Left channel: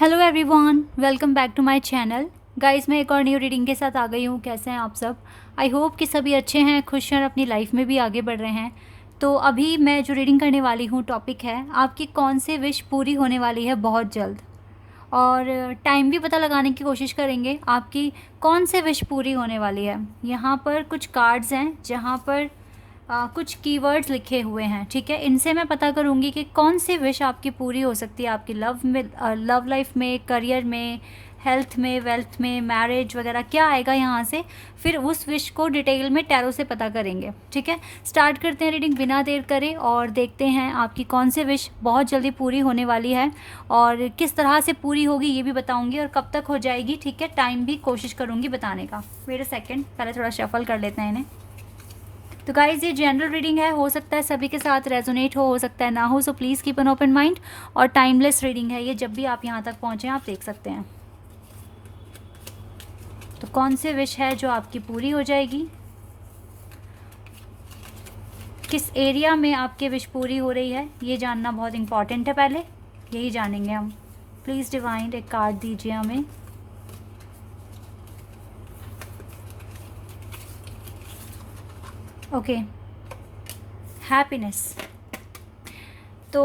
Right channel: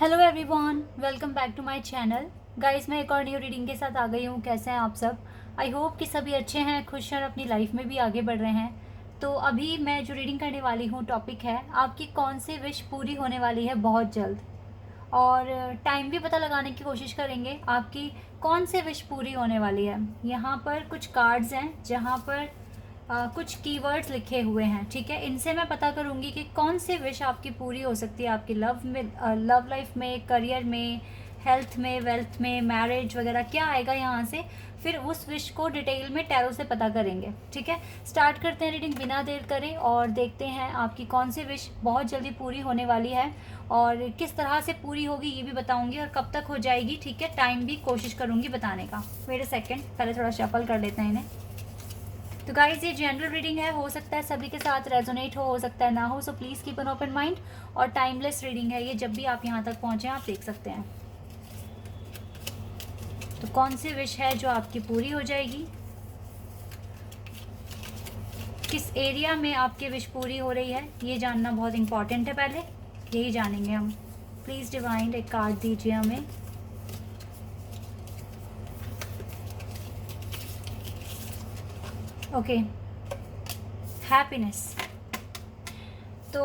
Hello everyone, welcome back to my channel. Guys, मैं एक और न्यू रीडिंग के साथ आ गई हूँ। कैसे हैं आप सब? आई होप कि सभी अच्छे हैं, खुश हैं और अपनी लाइफ में भी आगे बढ़ रहे हैं। तो अभी मैं जो रीडिंग करने वाली हूँ, टॉपिक है आपकी कौन सी विश पूरी होने वाली है बहुत जल्द। और टाइम भी पता लगाने की कोशिश करेंगे आपकी कौन सी विश पूरी होने वाली है। यहाँ पर कुछ कार्ड्स हैं जहाँ पर कुछ कीवर्ड्स लिखे हुए हैं, ठीक है। इनसे मैं पता करूँगी कि कौन सी विश आपकी पूरी हो सकती है आपकी लव में, लव लाइफ में, करियर में, हेल्थ में, वेल्थ में, मैरिज वगैरह क्या आएगा यहाँ से। फिर उस विश को डिटेल में टैरो से पता करेंगे, ठीक है। स्टार्ट करते हैं रीडिंग बिना देर करे और देखते हैं आपकी कौन सी विश बहुत जल्दी पूरी होने वाली है और किस तरह से पूरी होगी ये भी बताऊंगी और कब तक हो जाएगी, ठीक है। टाइम भी कोशिश करूंगी बताने का। वेट अ सेकेंड, पहले थोड़ा शफल कर लेते हैं इन्हें। तो गाइज, ये जनरल रीडिंग है, हो सकता है सभी के साथ रेजोनेट हो सकता है ना हो, so please keep an open mind. और टाइमलेस रीडिंग है ये, जब भी आप यहाँ तक पहुँचे आप देख सकते हैं। तो कौन सी विश है जो आपकी पूरी हो जाएगी, किस एरिया में आपकी विश पूरी हो रही है, ये जानना बहुत इंपॉर्टेंट है। पहले यही जानेंगे हम। प्लीज़ डिवाइन एक कार्ड दीजिए हमें। Okay, happiness. तो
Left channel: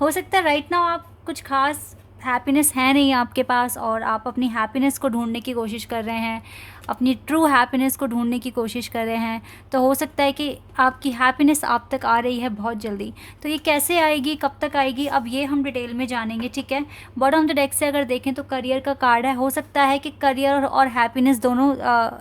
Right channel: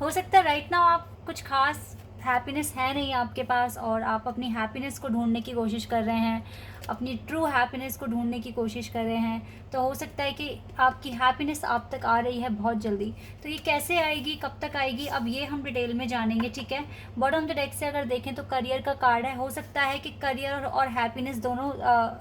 हो सकता है राइट नाउ आप कुछ खास हैप्पीनेस है नहीं आपके पास और आप अपनी हैप्पीनेस को ढूंढने की कोशिश कर रहे हैं, अपनी ट्रू हैप्पीनेस को ढूंढने की कोशिश कर रहे हैं। तो हो सकता है कि आपकी हैप्पीनेस आप तक आ रही है बहुत जल्दी। तो ये कैसे आएगी, कब तक आएगी, अब ये हम डिटेल में जानेंगे, ठीक है। बॉटम ऑफ द डेक से अगर देखें तो करियर का कार्ड है। हो सकता है कि करियर और हैप्पीनेस दोनों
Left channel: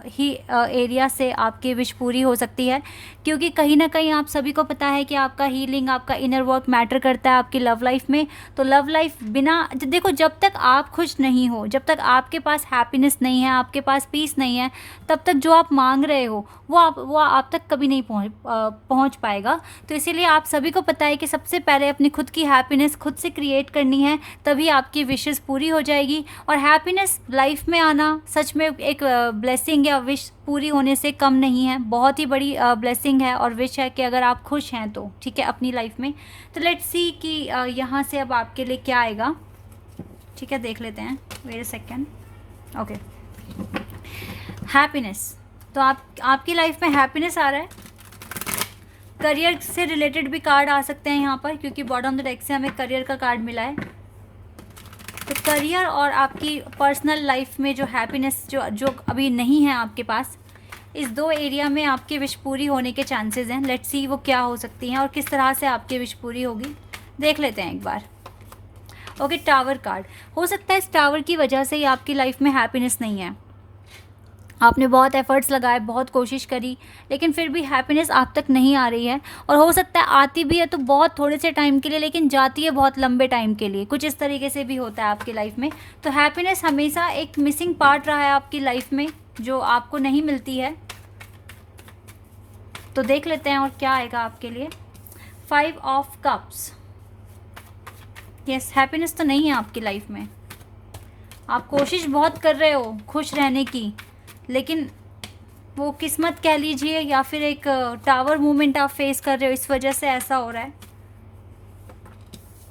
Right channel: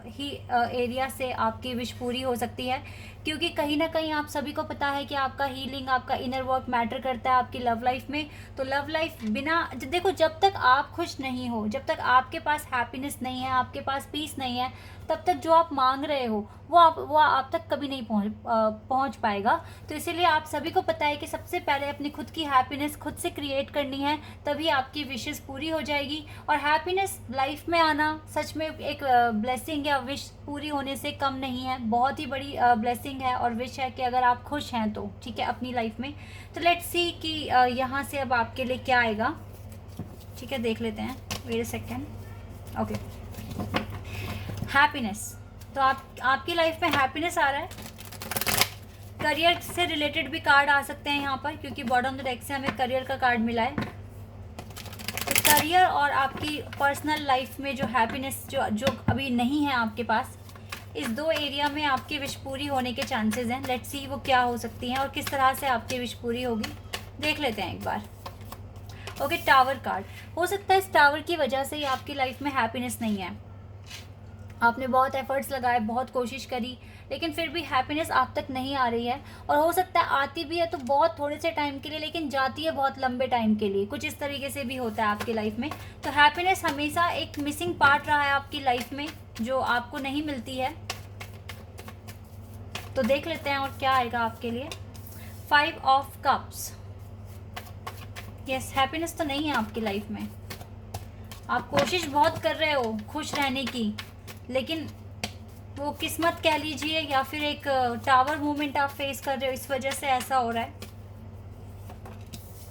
ही एरिया से आपकी विश पूरी हो सकती है, क्योंकि कहीं ना कहीं आप सभी को पता है कि आपका हीलिंग, आपका इनर वर्क मैटर करता है आपकी लव लाइफ में। तो लव लाइफ बिना, देखो, जब तक आप खुश नहीं हो, जब तक आपके पास हैप्पीनेस नहीं है, आपके पास पीस नहीं है, तब तक जो आप मांग रहे हो वो आप तक कभी नहीं पहुंच पाएगा। तो इसीलिए आप सभी को पता है कि सबसे पहले अपनी खुद की हैप्पीनेस खुद से क्रिएट करनी है, तभी आपकी विशेस पूरी हो जाएगी। और हैप्पीनेस लाइफ में आना सच में एक ब्लेसिंग या विश पूरी होने से कम नहीं है, बहुत ही बड़ी ब्लेसिंग है और विश है कि अगर आप खुश हैं तो, ठीक है, अपनी लाइफ में। तो लेट्स सी कि यहाँ से अब आपके लिए क्या आएगा, ठीक है, देख लेते हैं। Wait a second. Okay, happiness. तो आपकी लाइफ में हैप्पीनेस आ रहा है। करियर से रिलेटेड भी कार्ड आ सकते हैं यहाँ पर, क्योंकि बॉटम ऑफ द डेक से हमें करियर का कार्ड मिला है। तो करियर और आपकी पर्सनल लाइफ में जो हैप्पीनेस जो अभी नहीं है आपके पास, इस दो एरिया में आपकी विश पूरी होने के चांसेस हैं। लेट्स सी वो क्या हो सकती हैं और किस तरह से आपकी विश पूरी होगी, देख लेते हैं एक बार। Okay, tower card. हो सकता है इस टावर की वजह से ही आपकी लाइफ में हैप्पीनेस नहीं है। आपने बहुत एफर्ट्स लगाए, बहुत कोशिश करी, लेकिन फिर भी हैप्पीनेस आप तक नहीं आ रही है। और हो सकता है आती भी है तो बहुत थोड़े से टाइम के लिए, लेकिन जाती है बहुत लंबे टाइम के लिए। कुछ इस तरीके से भी होता है आपकी लाइफ में। तो हैप्पीनेस हमेशा एक मिसिंग पार्ट रहा है आपकी लाइफ में, जो आपको नहीं मिलती है। तो देख लेते हैं और क्या आएगा आपके लिए। 5 ऑफ कप्स। यस, हैप्पीनेस तो नहीं है आपकी लाइफ में। आप कोशिश बहुत कर रहे हो खुश रहने की, लेकिन वो किस्मत कह लीजिए या फिर एक टावर मूवमेंट आप फेस कर रहे हो, इस वजह से ऐसा हो रहा है।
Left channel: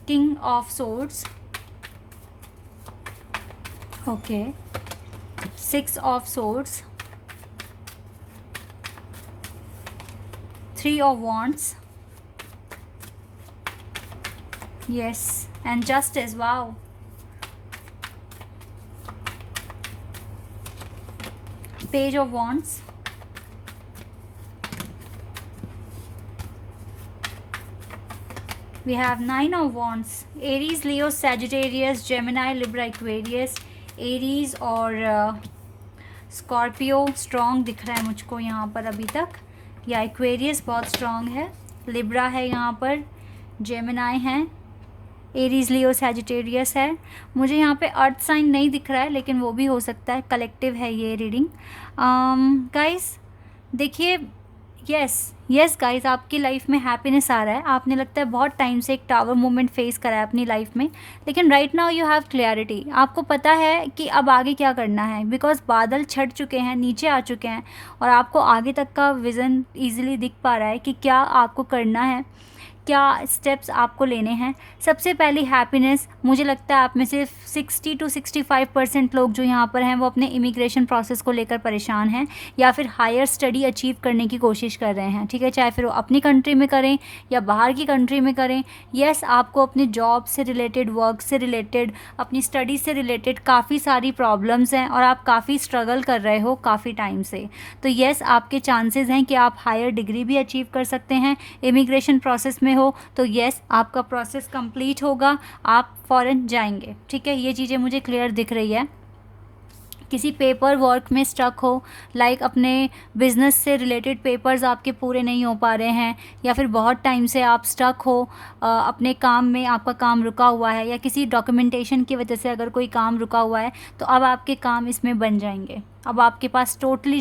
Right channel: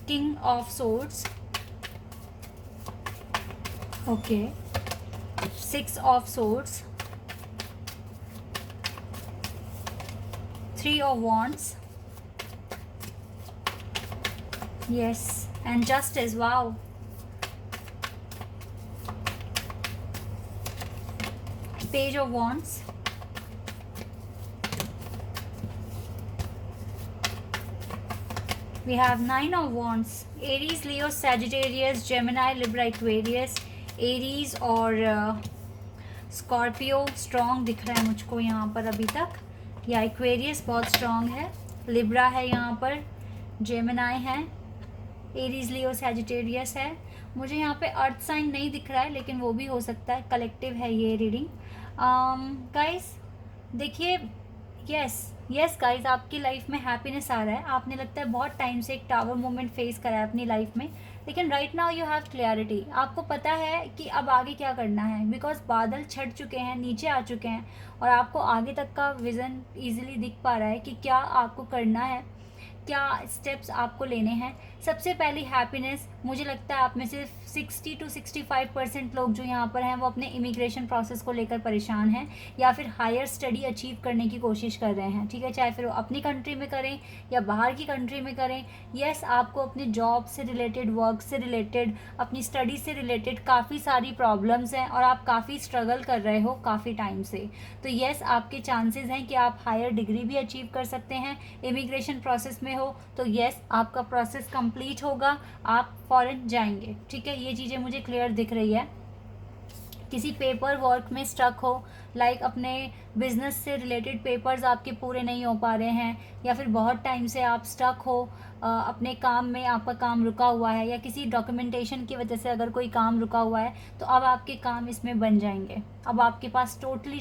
King of swords. Okay, 6 of swords, 3 of wands. Yes, and justice. Wow, Page of Wands, we have 9 of Wands, Aries, Leo, Sagittarius, Gemini, Libra, Aquarius, Aries और Scorpio स्ट्रॉन्ग दिख रहा है मुझको यहाँ पर अभी तक, या Aquarius बहुत स्ट्रॉन्ग है, Libra है यहाँ पर, Gemini है, एरीज, लियो, सैजिटेरियस है। मुझे यहाँ पे अर्थ साइन नहीं दिख रहा है, लेकिन वो भी हो सकता है, कलेक्टिव है ये रीडिंग। गाइस देखिए, यस गाइस, आपकी लाइफ में हैप्पीनेस आ रहा है। आपने लगता है बहुत टाइम से एक टावर मूवमेंट फेस करा है अपनी लाइफ में, लेकिन right now you have clarity. आपको पता है कि अब आगे क्या करना है, बिकॉज बादल छट चुके हैं, नीचे आ चुके हैं और आपको आगे तक का विज़न ईजिली दिख पा रहा है कि क्या आपको करना है, क्या स्टेप्स आपको लेने हैं। सबसे पहली हैप्पीनेस, मुझे लगता है आप में से 60 to 65% लोग जो यहाँ पर हैं वो अपने इमिग्रेशन प्रोसेस को लेकर परेशान हैं या फिर हायर स्टडी अचीव करने की कोशिश कर रहे हैं, ठीक है, चाहे फिर वो अपनी कंट्री में करें या बाहर की कंट्री में करें। येस, आपको अपने जॉब से रिलेटेड, वर्क से रिलेटेड, अपनी स्टडी से रिलेटेड काफ़ी सारी प्रॉब्लम्स हैं और आप काफ़ी स्ट्रगल कर रहे हो काफ़ी टाइम से। तो येस, आपके चांसेस हैं कि आप हायर डिग्री भी अचीव कर सकते हैं। इमिग्रेशन प्रोसेस में हो तो येस, आपका प्रोसेस कंप्लीट होगा, आप फ़ॉरेन जाएंगे, ठीक है। ये चीज़ें मुझे क्लियर दिख रही है। किसी पेपर वर्क में स्टक हो, लाइक अपने बिजनेस से रिलेटेड पेपर्स आपके पूरे नहीं हो पा रहे हैं या फिर बहुत टाइम से आप स्टक हो अपने काम में, आपका काम रुका हुआ है या किसी डॉक्यूमेंटेशन की वजह से अगर कोई काम रुका हुआ है तो अब आपके काम इसमें बन जाएंगे। अब आपके पास टोटली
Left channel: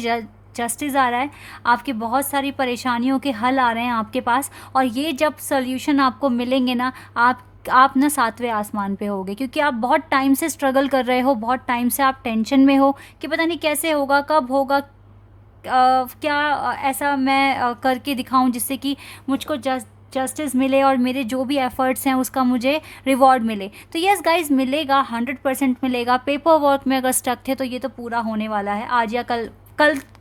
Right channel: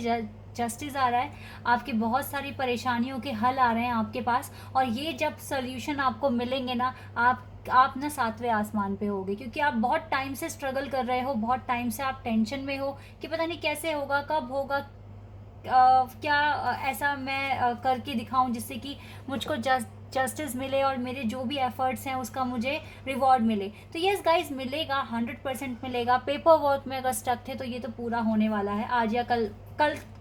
जस्टिस आ रहा है, आपकी बहुत सारी परेशानियों के हल आ रहे हैं आपके पास, और ये जब सोल्यूशन आपको मिलेंगे ना, आप ना 7वें आसमान पे होगे, क्योंकि आप बहुत टाइम से स्ट्रगल कर रहे हो, बहुत टाइम से आप टेंशन में हो कि पता नहीं कैसे होगा, कब होगा, क्या ऐसा मैं करके दिखाऊं जिससे कि मुझको जस्टिस मिले और मेरे जो भी एफर्ट्स हैं उसका मुझे रिवॉर्ड मिले। तो यस गाइज, मिलेगा, 100% मिलेगा। पेपर वर्क में अगर स्टक थे तो ये तो पूरा होने वाला है आज या कल,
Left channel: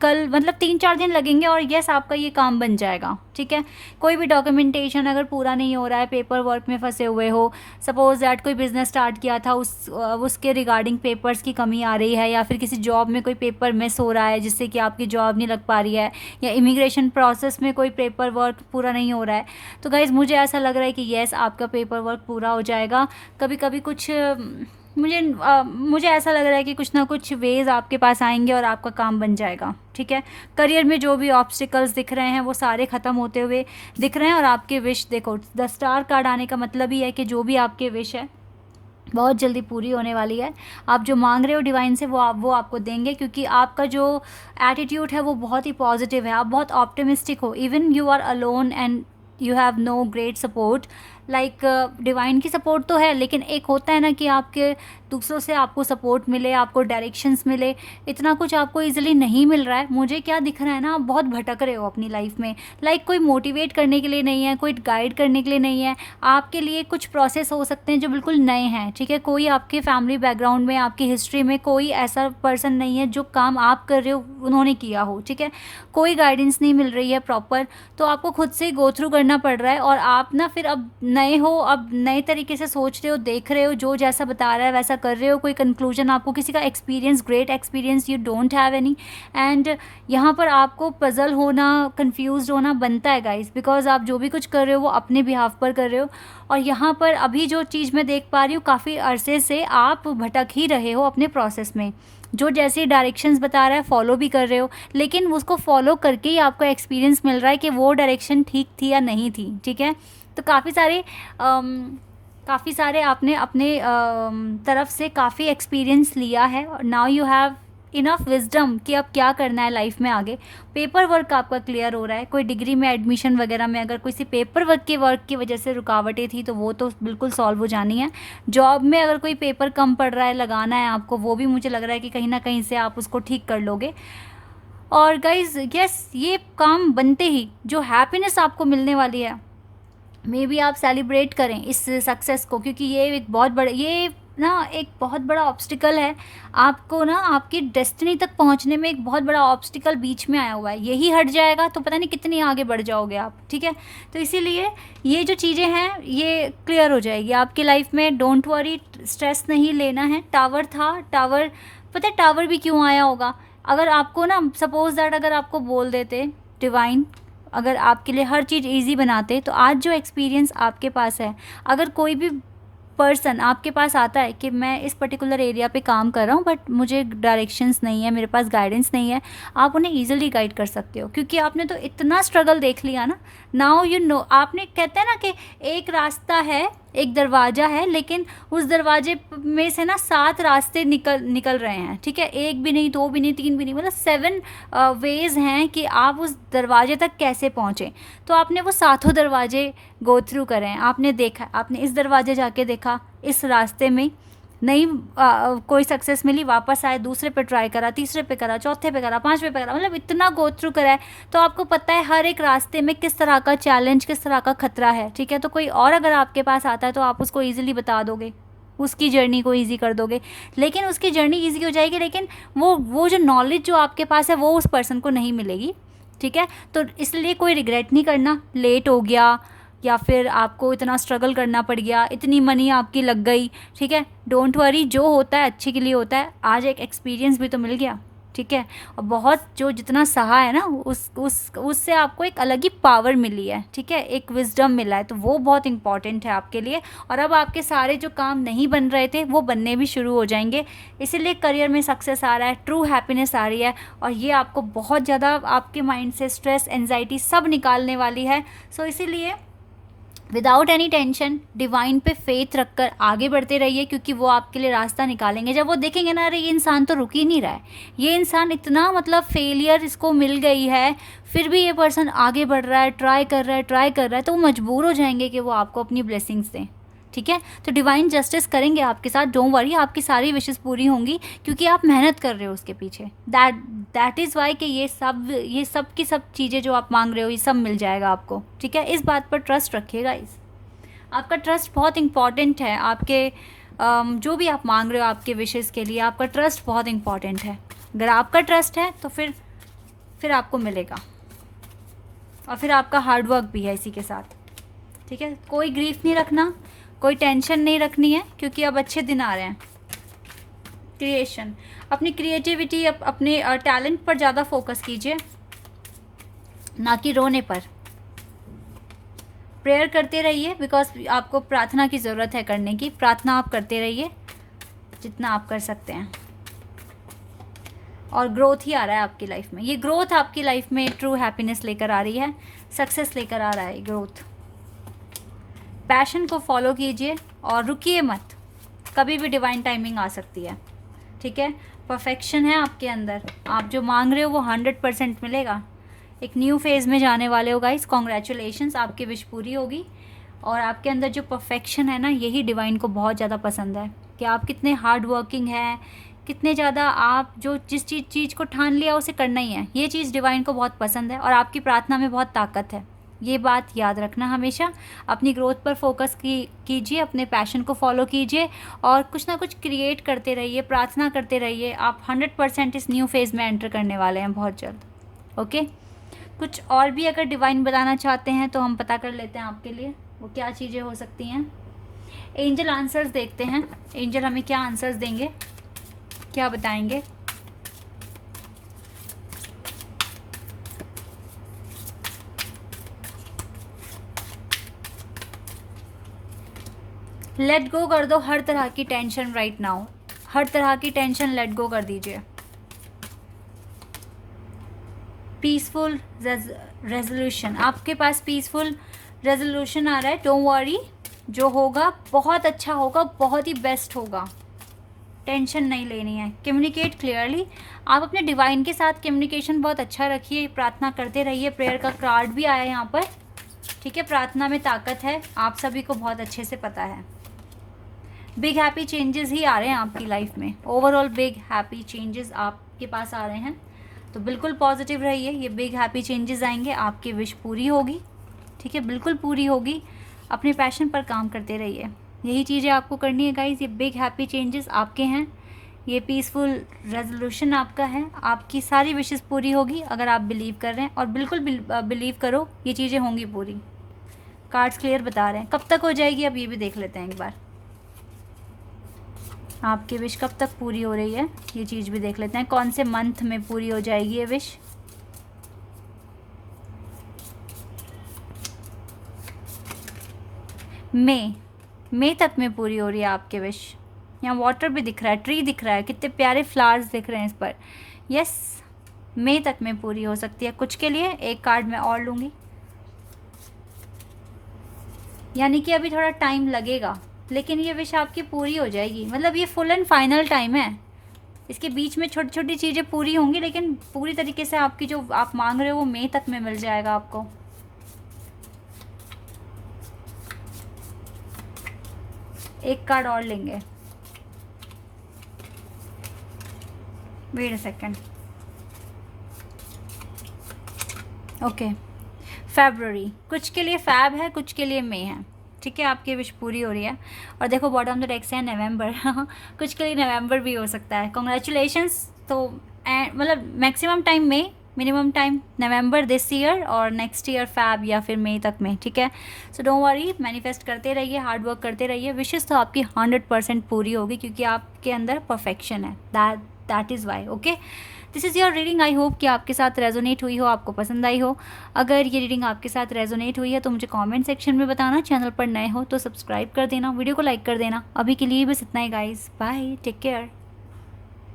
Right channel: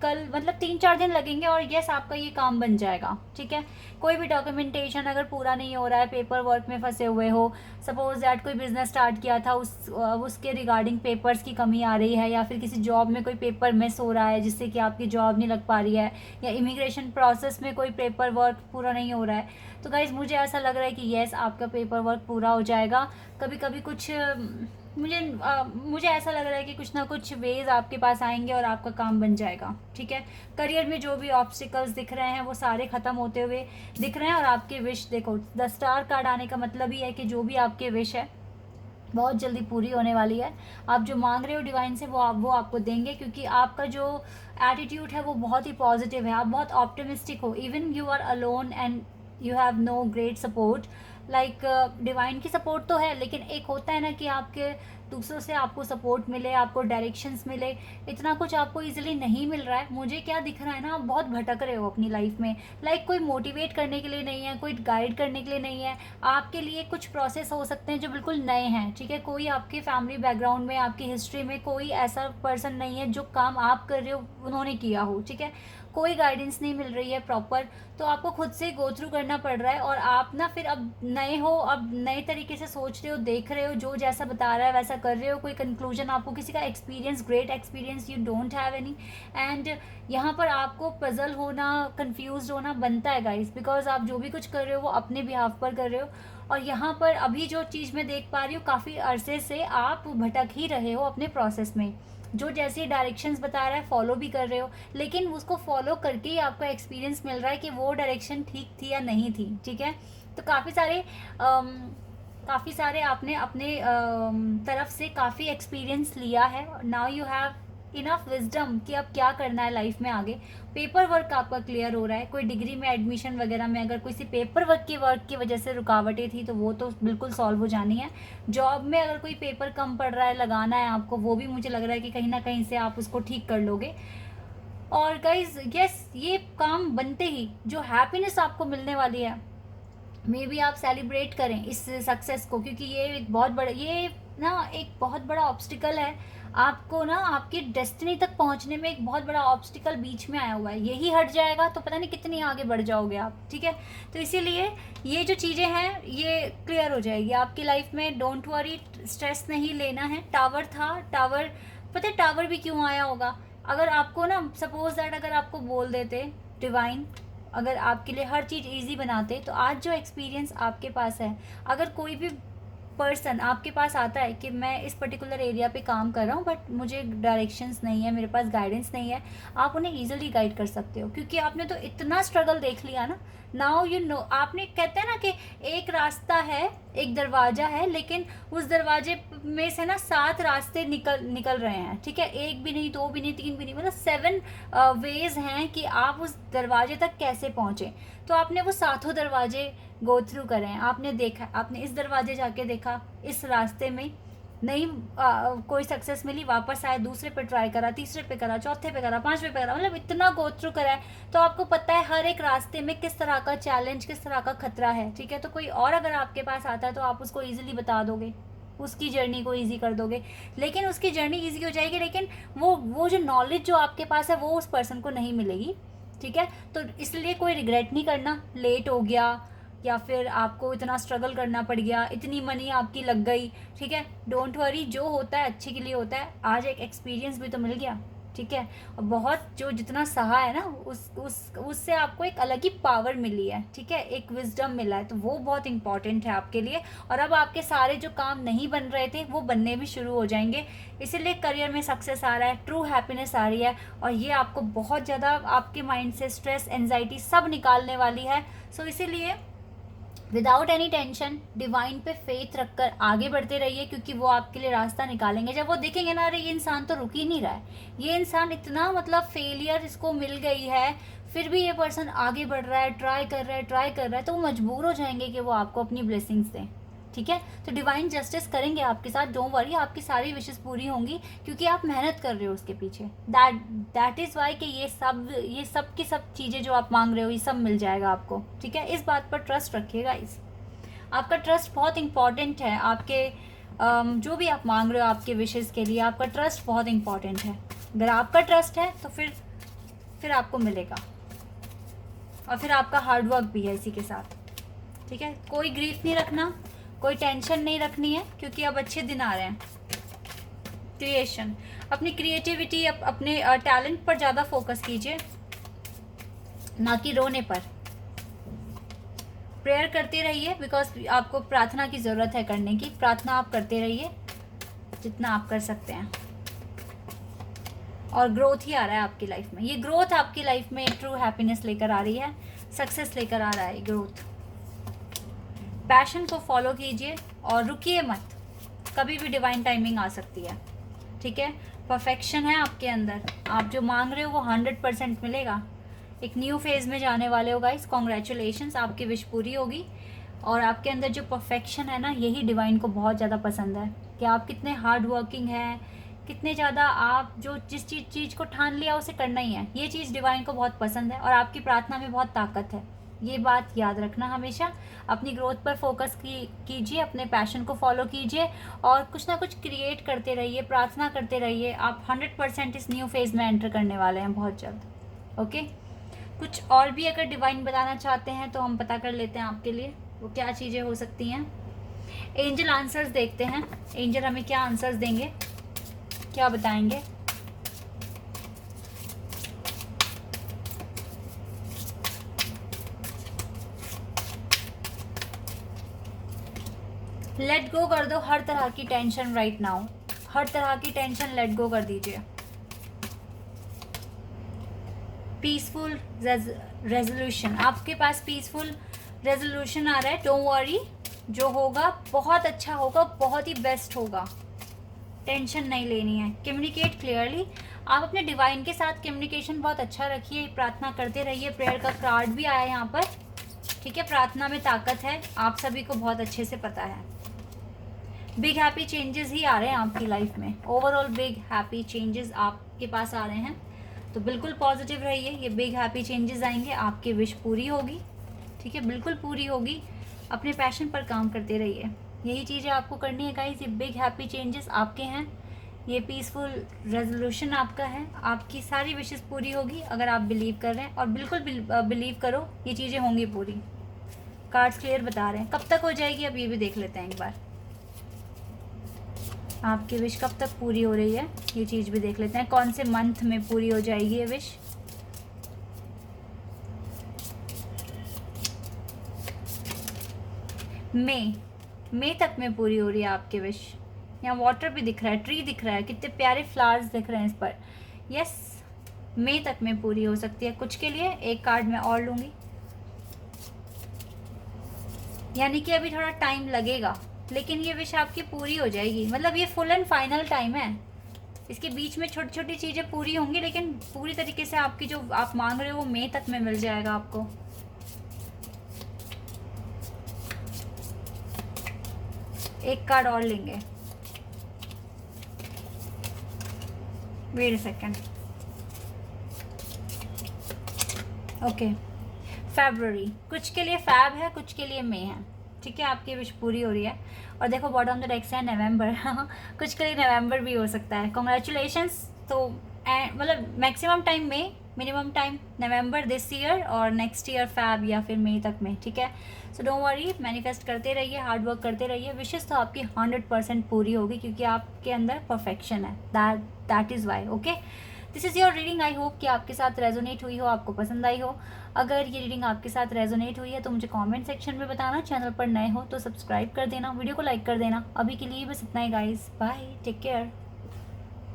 कल मतलब 3-4 दिन लगेंगे और यस, आपका ये काम बन जाएगा, ठीक है। कोई भी डॉक्यूमेंटेशन अगर पूरा नहीं हो रहा है, पेपर वर्क में फंसे हुए हो, सपोज दैट कोई बिजनेस स्टार्ट किया था, उसके रिगार्डिंग पेपर्स की कमी आ रही है, या फिर किसी जॉब में कोई पेपर मिस हो रहा है जिससे कि आपकी जॉब नहीं लग पा रही है, या इमिग्रेशन प्रोसेस में कोई पेपर वर्क पूरा नहीं हो रहा है, तो गाइज़ मुझे ऐसा लग रहा है कि येस, आपका पेपर वर्क पूरा हो जाएगा। कभी कभी कुछ मुझे ऐसा लग रहा है कि कुछ ना कुछ वेज आपके पास आएंगे और आपका काम बन जाएगा, ठीक है। करियर में जो भी ऑब्स्टिकल्स दिख रहे हैं वो सारे ख़त्म होते हुए दिख रहे हैं, और आपके विश देखो, द स्टार कार्ड आने का मतलब ही है कि जो भी आपके विश है बहुत जल्दी पूरी होने वाली है। आप जो मांग रहे हो डिवाइन से वो आपको देंगे, क्योंकि आपका जो एटीट्यूड है वो बहुत ही पॉजिटिव है, आप बहुत ऑप्टिमिस्टिक हो। Even you are alone and you have no great support, like divine की सपोर्ट तो है, लेकिन एक होता है ना कि आपके दूसरों से आपको सपोर्ट मिले, आपको डायरेक्शंस मिले, इतना कुछ आपको इजीली नहीं मिल रहा है। मुझे क्या दिख रहा है ना, आप बहुत भटक रहे हो अपनी लाइफ में, लाइक कोई मोटिवेट करने के लिए नहीं है, कोई गाइड करने के लिए नहीं है। आपके लिए कुछ प्रोसेस हो सकते हैं जो बिल्कुल नए हैं, ठीक है। कोई आपके फैमिली बैकग्राउंड में, आपकी हिस्ट्री में कोई ऐसा पर्सन नहीं है जो काम आप कर रहे हो उन्होंने किया हो, ठीक है। कोई गाइडेंस नहीं मिल रही है प्रॉपर, तो आपको खुद से गो थ्रू करना पड़ रहा है, और आप ना फिर अब नए हो, अब नए तरीके से सोच रहे हो, देख रहे हो, जो जैसा बता रहा है वैसा कर रहे हो, कोई कंक्लूजन आपको किसी का experience, great experience you don't have any, and यहाँ पर आपको पजल होना, कंफ्यूज होना बनता है गाइस, बिकॉज आप जो भी कुछ कर रहे हो वो अपने बिहाफ पर कर रहे हो। और यहाँ पर अभी जो चीज़ मैं देख पा रही हूँ, काफ़ी अरसे से आप भटक ही रहे हो अपने प्रोसेस में, जो जैसे डायरेक्शंस बता रहा है फॉलो भी कर रहे हो, लेकिन उसको फॉलो करके ही आपको एक्सपीरियंस मिल रहा है कि वो डायरेक्शन ठीक थी या नहीं थी, ठीक है। तो काफ़ी सारे आपने अपने तरफ से काफ़ी एक्सपीरियंस लिया है, और now you have enough wisdom कि अब क्या करना है लाइफ में आगे। पेपर वर्क आपका क्लियर हो रहा है, कोई डिग्री में एडमिशन वगैरह में अगर किसी पेपर वर्क की वजह से रुकावटें थी तो वो तो बिल्कुल सॉल्व हो जानी है। जॉब में अगर कोई पेपर कम पड़ रहा है, लगाना है आपको, वो भी मुझे लग रहा है कि कहीं ना कहीं से आप उसको ठीक कर लोगे। और गाइज यस, ये काम बनते ही जो हैप्पीनेस आपको मिलने वाली है, मे बी आप सेलिब्रेट करें इस सक्सेस को, क्योंकि ये एक बहुत बड़ा, ये ना एक बहुत बड़ा ऑब्स्टिकल है आपको ना आपकी डेस्टिनी तक पहुंचने में, एक बहुत बड़ा ऑब्स्टिकल बीच में आया हुआ है। यही हट जाएगा तो पता नहीं कितनी आगे बढ़ जाओगे आप, ठीक है। तो इसीलिए ये जो चीज़ें हैं ये क्लियर हो जाएगी आपकी लाइफ में। डोंट वरी, स्ट्रेस नहीं लेना है। टावर था, टावर, पता है टावर भी क्यों आया होगा? अगर आपको ना सपोज दैट अगर आपको बोल देते डिवाइन, अगर आपके लिए हर चीज़ इजी बनाते, तो आज जो एक्सपीरियंस आपके पास है, अगर कोई भी पर्सन आपके पास आता है कि मैं इस पर्टिकुलर एरिया पे काम कर रहा हूँ बट मुझे डायरेक्शंस नहीं है, मेरे पास गाइडेंस नहीं है, आप उन्हें इजीली गाइड कर सकते हो, क्योंकि आपने तो इतना स्ट्रगल देख लिया ना। नाउ यू नो, आपने कहते हैं ना कि एक रास्ता है, एक दरवाज़ा है, लेकिन उस दरवाजे में से ना 7 रास्ते निकल रहे हैं, ठीक है। 1 भी नहीं, 2 भी नहीं, 3 भी नहीं, मतलब 7 वेज़ हैं कि आप उस दरवाजे तक कैसे पहुँचे। तो आपने वो 7 दरवाजे गो थ्रू करें, आपने देखा, आपने इस दरवाजे जाके देखा, इस रास्ते में नहीं कोई सक्सेस मिली, वापस आए, दूसरे पे ट्राई करा, तीसरे पे करा, चौथे पे करा, पांचवे पे करा, मतलब इतना गो थ्रू करा है। तो आपको पता है हर एक रास्ते में किस तरह का चैलेंज, किस तरह का खतरा है, ठीक है। तो कोई और अगर आपके पास आता है तो आप उसको ईजिली बता दोगे, उसकी जर्नी को ईजी कर दोगे, लेकिन उसकी जर्नी ईजी हो जाएगी, लेकिन वो जो नॉलेज जो आपके पास है वो उस पर्सन को नहीं मिलेगी, ठीक है। तो इसलिए कोई रिग्रेट नहीं करना, लेट हो गया या फिर आपको इतना स्ट्रगल करना पड़ गया, इतनी मनी आपकी लग गई, ठीक है। डोंट वरी, जो होता है अच्छे के लिए होता है। आज एक एक्सपीरियंस भी तो मिल गया, ठीक है। और बहुत जो जितना सहा है ना उससे आपको एक अलग ही पावर मिली है, ठीक है, एक विजडम मिला है, तो वो बहुत इंपॉर्टेंट है आपके लिए। और अब आपके सारे जो काम नहीं बन रहे थे वो बनने भी शुरू हो जाएंगे, इसीलिए करियर में सक्सेस आ रहा है, ट्रू हैप्पीनेस आ रही है, और ये आपको बहुत ज़्यादा आपके माइंड से स्ट्रेस, एंजाइटी सब निकालने वाली है। सो इसीलिए विदाउट एनी टेंशन डिवाइन पे फेथ रखकर आगे बढ़ते रहिए, क्योंकि वो आपके लिए रास्ता निकालेंगे। जब वो देखेंगे ना, अरे ये इंसान तो रुक ही नहीं रहा है, ये इंसान इतना मतलब फेलियर इसको मिल गई है, फिर भी ये पर्सन आगे बढ़ रहा है, ट्राई कर रहा है, तो वो मजबूर हो जाएंगे कि वो आपको अपनी ब्लेसिंग्स दें, ठीक है। तो डिवाइन जस्टिस करेंगे आपके साथ, डोंट वरी, आपकी सारी विशेस पूरी होंगी, क्योंकि आप मेहनत कर रहे हो उसके पीछे। दैट इज़ वाई कि ये सब की सब चीज़ें जो आप मांग रहे हो ये सब मिल जाएगा आपको, ठीक है। इस बात पर ट्रस्ट रखिएगा, आपका ट्रस्ट बहुत इंपॉर्टेंट है। आपके जो भी आप मांग रहे हो आपके विशेस के लिए, आपका ट्रस्ट बहुत इंपॉर्टेंट है। अगर आपका ट्रस्ट है तो फिर आपको मिलेगा, और फिर आपका हार्डवर्क भी है इसी के साथ, ठीक है। कोई ग्रीफ नहीं रखना, कोई टेंशन नहीं रखनी है, क्योंकि अब अच्छे दिन आ रहे हैं। क्रिएशन, अपनी क्रिएटिविटी, अपने टैलेंट पर ज़्यादा फोकस कीजिए, ना कि रोने पर। प्रेयर करते रहिए, बिकॉज आपको प्रार्थना की ज़रूरत है करने की। प्रार्थना आप करते रहिए जितना आप कर सकते हैं, और ग्रोथ ही आ रहा है आपकी लाइफ में। ये ग्रोथ आपकी लाइफ में ट्रू हैप्पीनेस लेकर आ रही है, सक्सेस लेकर आ रहा है ग्रोथ। पैशन को फॉलो कीजिए और रुकिए मत, कभी भी डिवाइन टाइमिंग आ सकती है, ठीक है। परफेक्शन है आपके अंदर, आप जो मांग रहे हो वो 100% मिलेगा। एक न्यू फेज़ में जाने वाले हो गाइस, कॉन्ग्रेचुलेशंस, आपकी विश पूरी होगी। और आपके अंदर जो परफेक्शन है ना, यही डिवाइन को बहुत ज़्यादा पसंद है, कि आप कितने हार्ड वर्किंग हैं, कितने ज़्यादा आप जो जिस चीज़ को ठान लिया उसे करना ही है। ये चीज़ डिवाइन को बहुत पसंद है, और आपकी प्रार्थना में बहुत ताकत है। ये बात याद रखना हमेशा। अपनी ग्रोथ पर फोकस कीजिए, अपने पैशन को फॉलो कीजिए, और कुछ ना कुछ क्रिएट करते रहिए, प्रार्थना करते रहिए। आप 100% इस न्यू फेज़ में एंटर करने वाले हैं बहुत जल्द, ओके। कुछ और भी अगर डिवाइन बताना चाहते हैं तो हम पता कर लेते हैं आपके लिए वो क्या चीज़ें हो सकती हैं। एंजल आंसर्स देखते हैं, एंजल हमें क्या आंसर्स देंगे, क्या बताएंगे। लेट गो कर दो हर तरह की टेंशन राइट नाउ, हर तरह की टेंशन लेट गो कर दीजिए। पीसफुल रेजोल्यूशन, आपके पास पीसफुल रेजोल्यूशन आ रहा है। डोंट वरी, जो होगा बहुत अच्छा होगा, बहुत ही बेस्ट होगा, टेंशन नहीं लेनी है। कम्युनिकेट क्लियरली, आप अपने डिवाइन के साथ कम्युनिकेशन बहुत अच्छा रखिए, प्रार्थना करते रहिए। प्रेयर का कार्ड भी आया यहाँ पर, ठीक है। प्रार्थना में ताकत है, आप सभी को बहुत अच्छे से पता है। बिग हैप्पी चेंजेस ही आ रहे हैं आपकी लाइफ में, ओवरऑल बिग हैप्पी चेंजेस आपके पास आ रहे हैं, तो बिल्कुल पॉजिटिव रहिए। ये बिग हैप्पी चेंजेस आएंगे, आपकी विश पूरी होगी, ठीक है, बिल्कुल पूरी होगी। अपने पैशन पर काम करते रहिए, यही चीज़ें आपको करनी है गाइस। ये बिग हैप्पी चेंजेस आपके हैं, ये पीसफुल रेजोल्यूशन आपका है, आपकी सारी विशेस पूरी होगी अगर आप बिलीव कर रहे हैं, और बिल्कुल बिलीव करो, ये चीज़ें होंगी पूरी। कार्ड्स क्लियर बता रहे हैं। कब तक हो जाएगी अब ये भी देख लेते हैं एक बार, आपकी विश कब तक पूरी हो रही है ये चीज़ भी देख लेते हैं। कौन से मंथ में पूरी हो जाएगी ये विश। मई तक में पूरी हो रही है आपकी विश। यहाँ वाटर भी दिख रहा है, ट्री दिख रहा है, कितने प्यारे फ्लावर्स दिख रहे हैं इस पर। यस, मई तक में पूरी हो सकती है। कुछ के लिए एक कार्ड मैं और लूँगी, यानी कि अभी थोड़ा टाइम लगेगा, लेकिन ये विश आपकी पूरी हो जाएगी। मतलब ये फुल एंड फाइनल टाइम है, इसके बीच में छोटी छोटी चीज़ें पूरी होंगी, लेकिन पूरी तरीके से आपकी जो आप मांग रहे हो वो मई तक में मिल जाएगा आपको। एक कार्ड और लेंगे। Wait a second. Okay, February, कुछ के लिए फैब है, कुछ के लिए मई है, ठीक है, आपकी विश पूरी हो रही है। और देखो बॉटम द डेक से है नवंबर कुछ के लिए नवंबर भी हो सकता है, कॉन्ग्रेचुलेशंस। तो मतलब मैक्सिमम टाइम में, minimum time November this year, और नेक्स्ट ईयर फैब या फिर मई तक में, ठीक है। सो डोंट वरी, मैनिफेस्ट करते रहिए, हार्ड वर्क करते रहिए, विशेस तो आपकी 100% पूरी होगी, क्योंकि आपके अंदर परफेक्शन है, that is why. Okay, this is your reading. I hope कि आपके साथ रेजोनेट हुई हो, आपको पसंद आई हो। अगर ये रीडिंग आपके साथ रेजोनेट हुई है तो मुझे कमेंट सेक्शन में बताना। चैनल पर नए हो तो सब्सक्राइब कर देना, वीडियो को लाइक कर देना। अभी के लिए बस इतना ही गाइस, बाय, टेक केयर।